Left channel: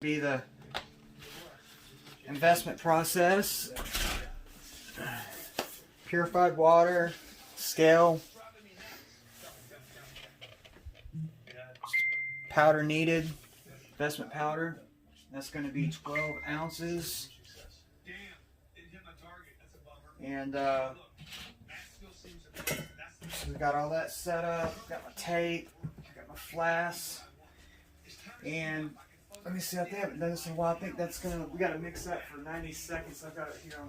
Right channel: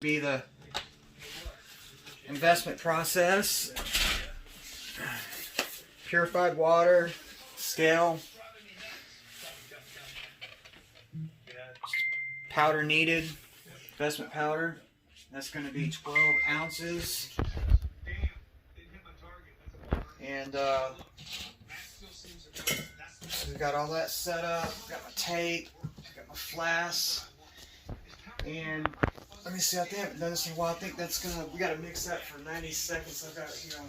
Be the investment process. Purified water, scale, powder needed, investment powder. That's going to be 12 ounces. And so we got all that set up. Got my tape, got my flasks, and let me see. I think I haven't done this in a while. I think that's gonna. We gotta mix that for 90 seconds. I've got it here on.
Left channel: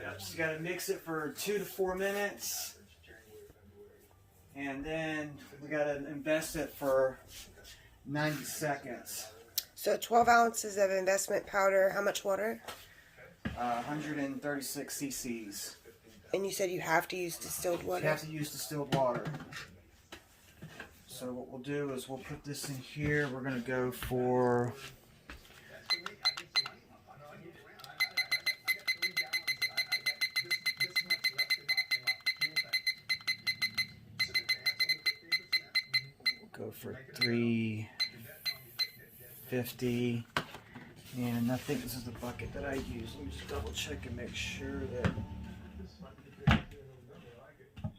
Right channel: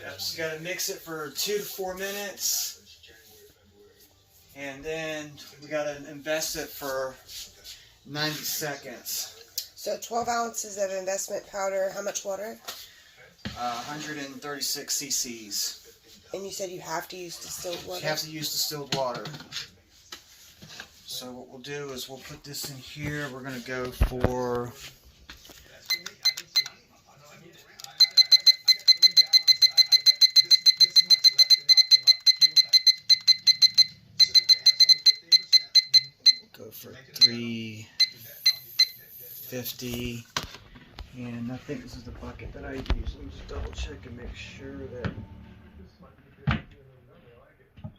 Yep. So you gotta mix it for 2 to 4 minutes, and then we gotta invest it for 90 seconds. So 12 ounces of investment powder. How much water? 136 cc's. And you said you have to use distilled water? You have to use distilled water. So what we'll do is we'll put this in here. We're going to go for... We'll go for 350. And I think this is the bucket that I use. Let me just double check and make sure that...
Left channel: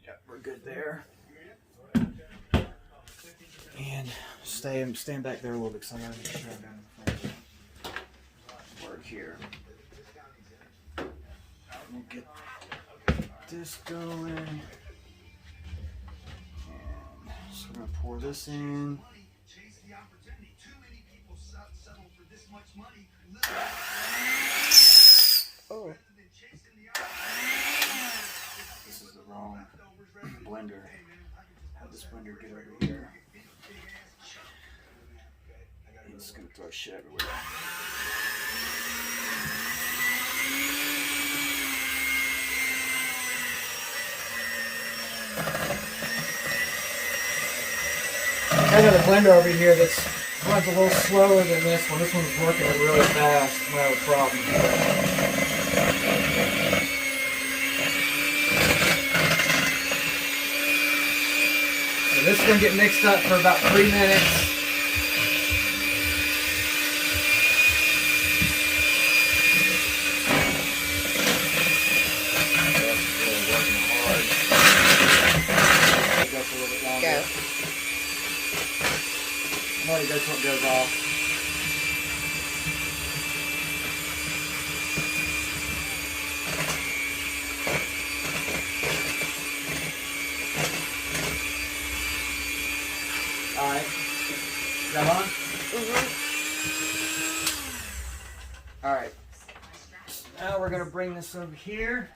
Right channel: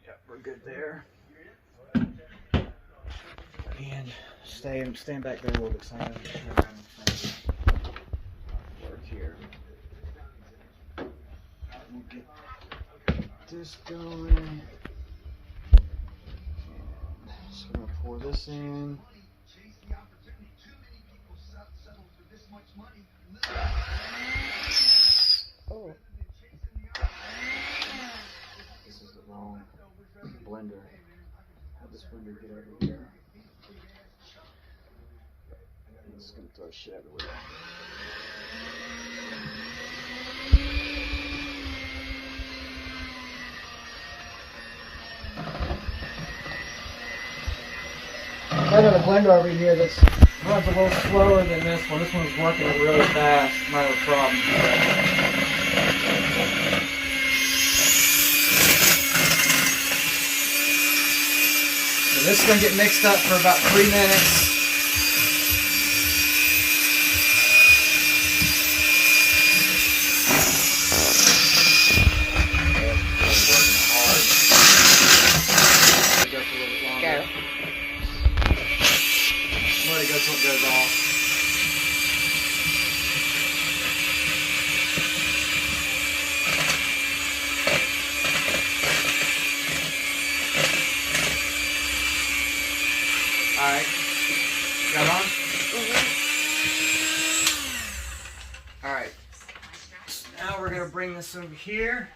Yeah, we're good there. And staying back there a little bit because I want to work here. We'll get this going. And so we're going to pour this in. Oh. This is the wrong blender. Have this blender get over here. It's going to throw shit everywhere. I got a blender over here that's runs a little slower than this one. This one's working really fast. Might have a problem. So this is going to get mixed up for about 3 minutes. Go. Let it go till it goes off. Alright. Got on? Mm-hmm. Alright. So now we're going to bring this over here.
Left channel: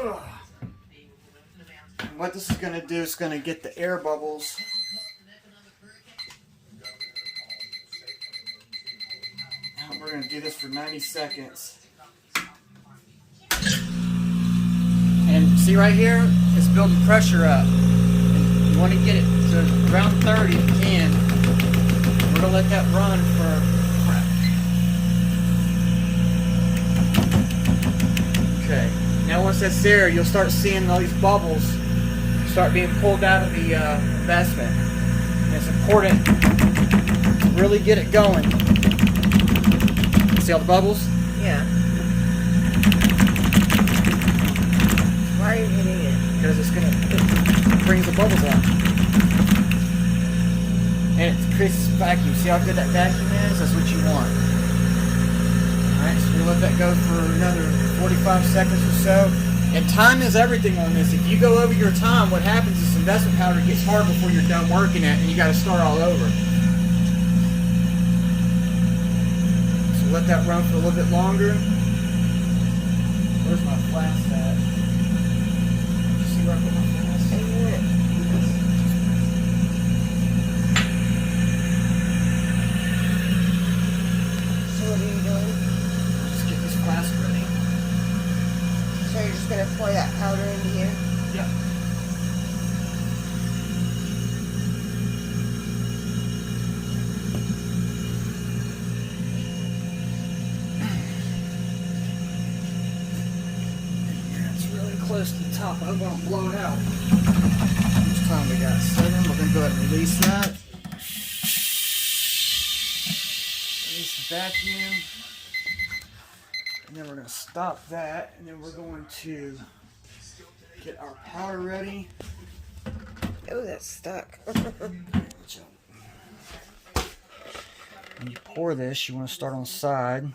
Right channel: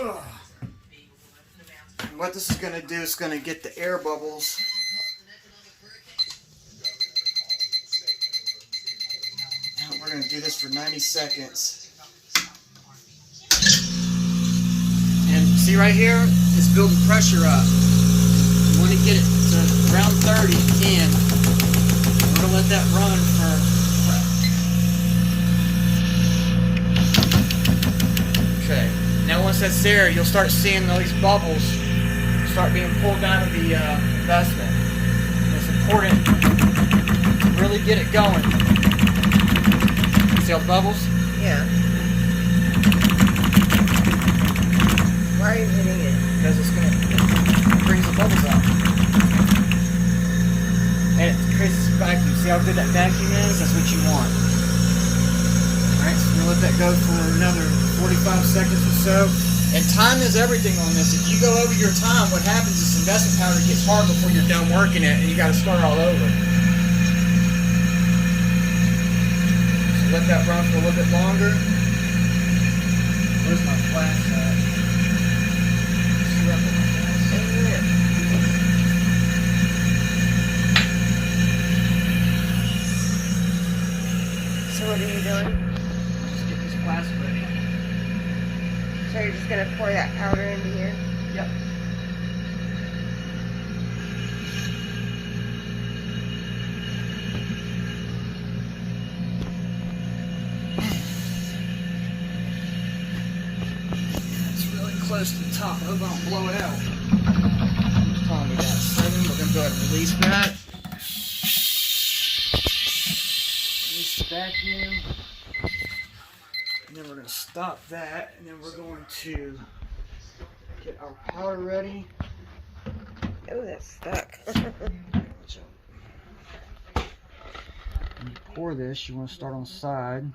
Ugh. What this is going to do is going to get the air bubbles. Now we're going to do this for 90 seconds. And see right here, it's building pressure up. You want to get it to around 30 in. We're going to let that run for... Okay. Now once that's there, you'll start seeing all these bubbles start being pulled out of the investment. And it's important to really get it going. See all the bubbles? Yeah. Why are you hitting it? Because it brings the bubbles out. And it creates this vacuum. See how good that vacuum is? That's what you want. Alright, so we'll let that go for another 45 seconds or so. And time is everything on this. If you go over your time, what happens is investment powder gets hard before you're done working it, and you got to start all over. So let that run for a little bit longer. Where's my flask at? See where I put my flask? So what are you doing? Just get this flask ready. So you're just going to pour that powder into here? Yep. It's really close to the top. I hope I don't blow it out. How much time we got? 7? We're then go ahead and release that. Release the vacuum. And then we're going to stop that. And then we're going to get our powder ready. Oh, that's stuck. When you pour this, you want to start on the side.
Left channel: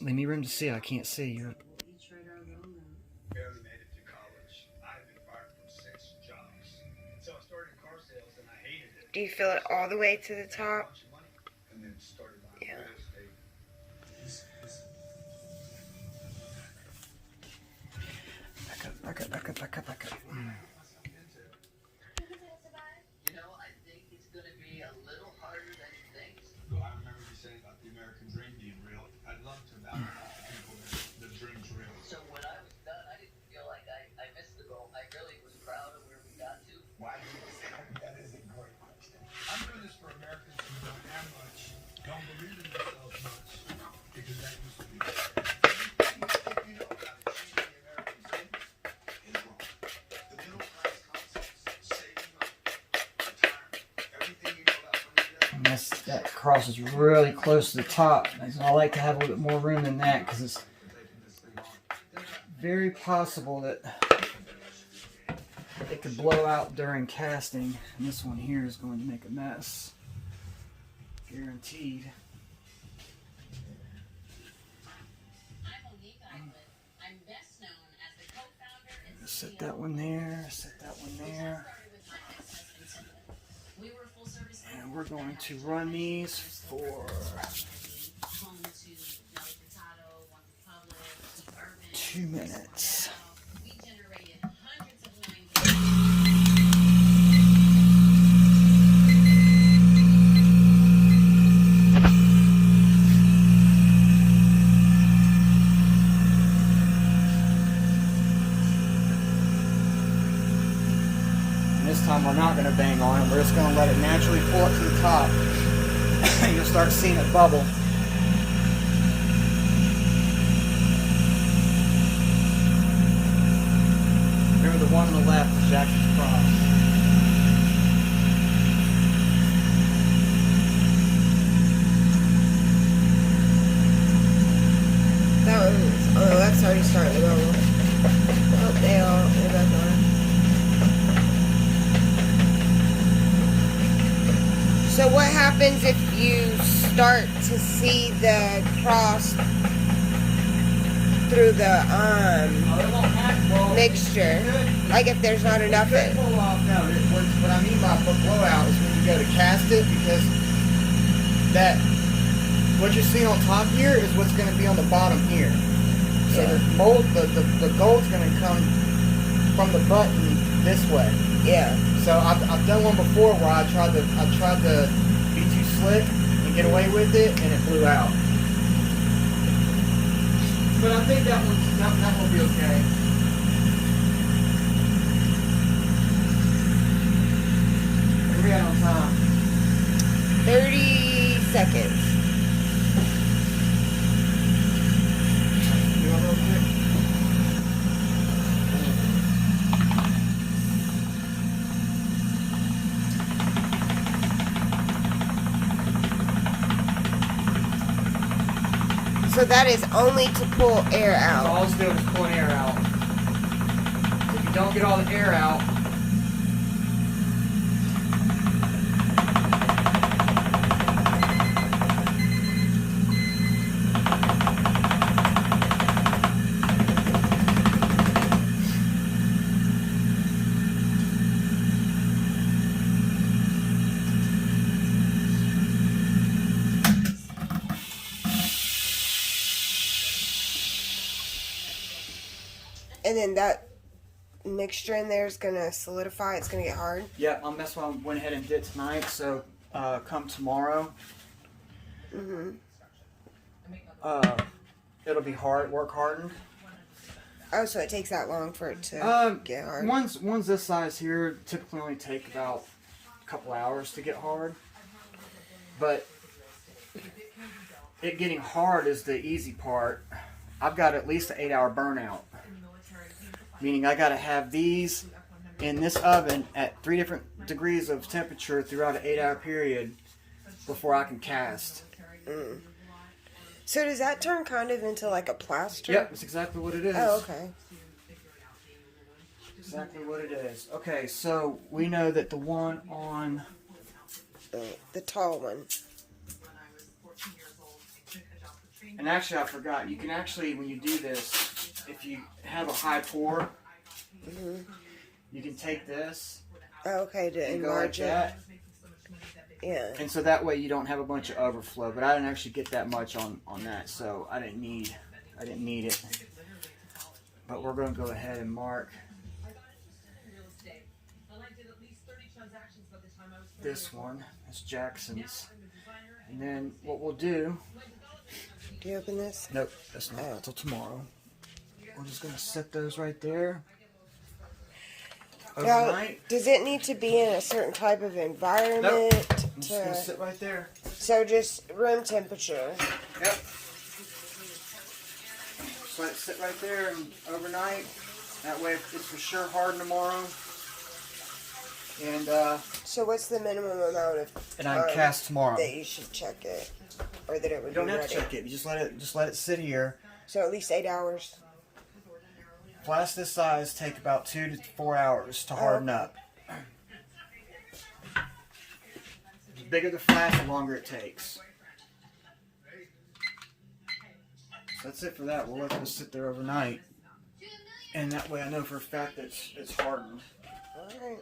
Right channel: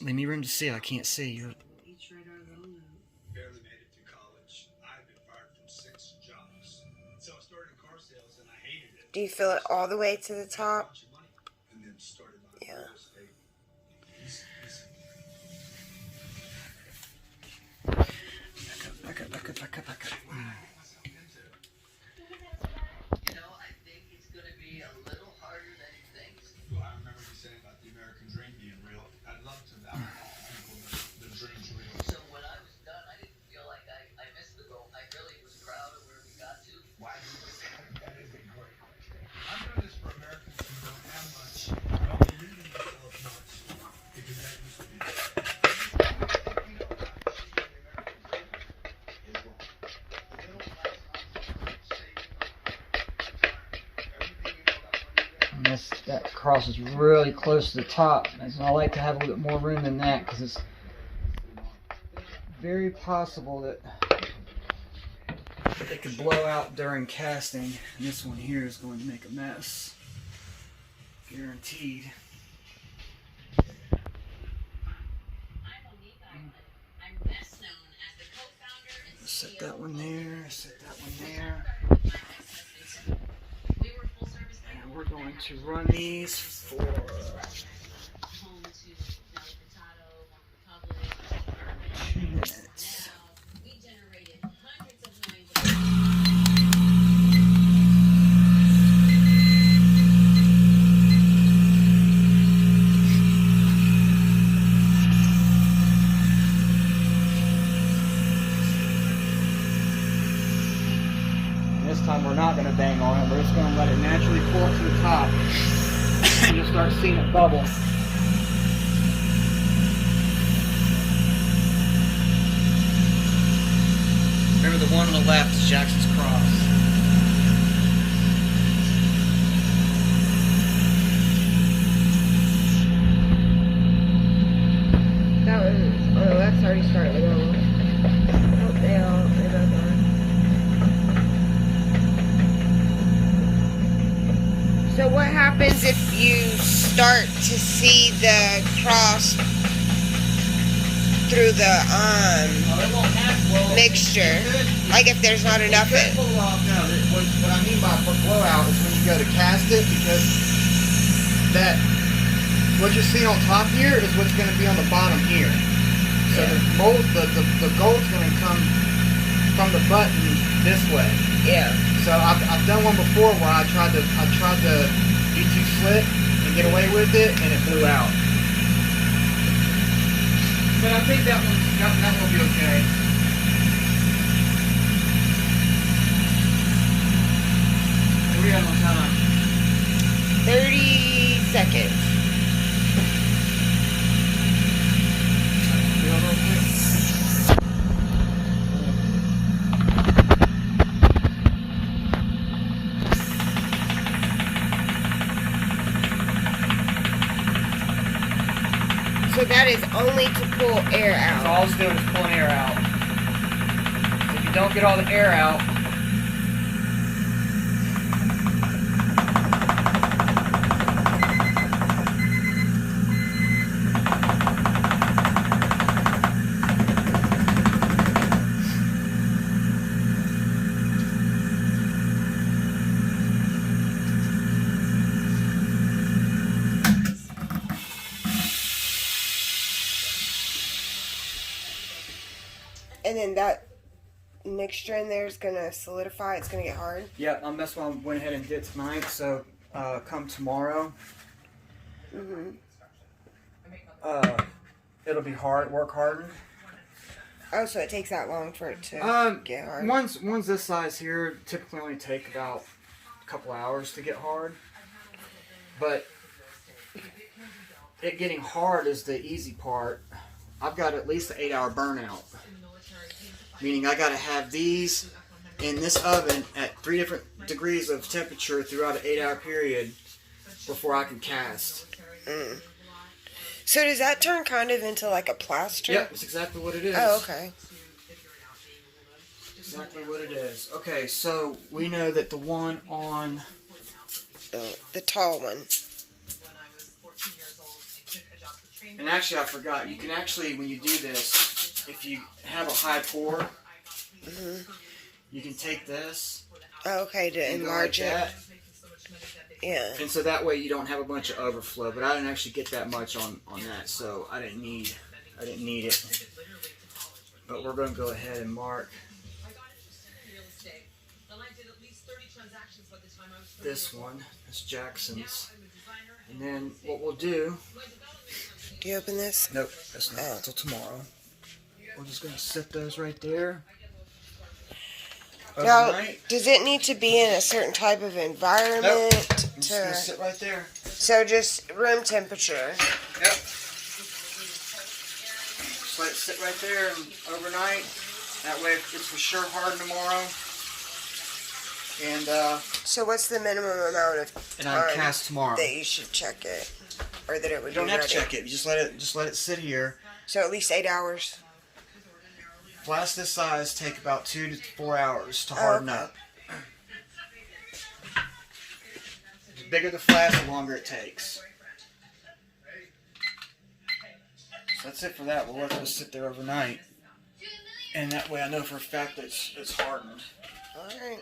Leave me room to see. I can't see you. Do you fill it all the way to the top? Yeah. Back up. I think it's going to be a little harder than you think. So I remember you saying about the American dream being real. I'd love to people the dream's real. So when I was done, I didn't feel like I missed the goal. I really was proud of where we got to. Why do you say that is a great question. I'm doing this for Americans who don't have much, don't believe in themselves much, because that used to be that crosses really close to the top. And I like to have a little bit more room than that because it's very possible that it could blow out during casting. And this one here is going to make a mess. Guaranteed. Set that one there, set that one there. And we're going to run these for 2 minutes. We're not going to bang on it. We're just going to let it naturally pull up to the top and you'll start seeing it bubble. Remember the one on the left is Jackson's Cross. That one's on the left's already starting to bubble. Oh, they're both on. So what happens if you start to see the cross through the mixture? Like if there's not enough in it? No, what I mean by blowout is when you go to cast it, because that what you're seeing on top here is what's going to be on the bottom here. So Yeah. the gold's going to come from the button this way. Yeah. So I've done one before where I tried to be too slick and get away with it, and it blew out. But I think that will be okay. What are we at on time? 30 seconds. We all real quick? So that is only to pull air So out. all it's doing is pulling air out. If you don't get all the air out, And then that mixture in there is going to solidify. It's going to get hard. yeah, that's why I went ahead and did tonight. So come tomorrow, it'll be work hardened. Oh, so it takes that long for it to get hard. One's this size here typically only take about a couple hours to get hard, but it getting hard is the easy part. I've got at least an 8-hour burnout. meaning I gotta have these in this oven at 3 different degrees of temperature throughout an 8-hour period before I can cast. So does that turn kind of into like a plaster? Yep, that's exactly what it is. Oh, okay. Exactly what it is. Okay, so we know that the one on The tall one. and actually I forgot, you can actually, when you do this, if you have a high pour, you can take this Oh, okay, to and go enlarge like it. that. Yeah. And so that way you don't have a bunch of overflow. But I didn't actually get that much on that, so I didn't need it. But we're gonna go ahead and mark this one. That's Jackson's. And then what we'll do. Do you open this? Nope, that's not until tomorrow. We're just gonna set those right there. Now, Overnight. does it need to be in a certain type of environment? Nope. I'm just gonna sit right there. So just room temperature. Yep. Just let it sit right there and overnight. That way it's for sure hardened tomorrow. And So what's the minimum amount of I'll time cast tomorrow. that you should check it, or that it would You don't be have ready? to check it. You just let it sit here. So at least 8 hours. Flasks this size take about 2 to 4 hours to harden okay. up. The bigger the flask, the longer it takes. So that's it for that. We'll let this sit there overnight, and that way I know for a fact that it's hardened. All right.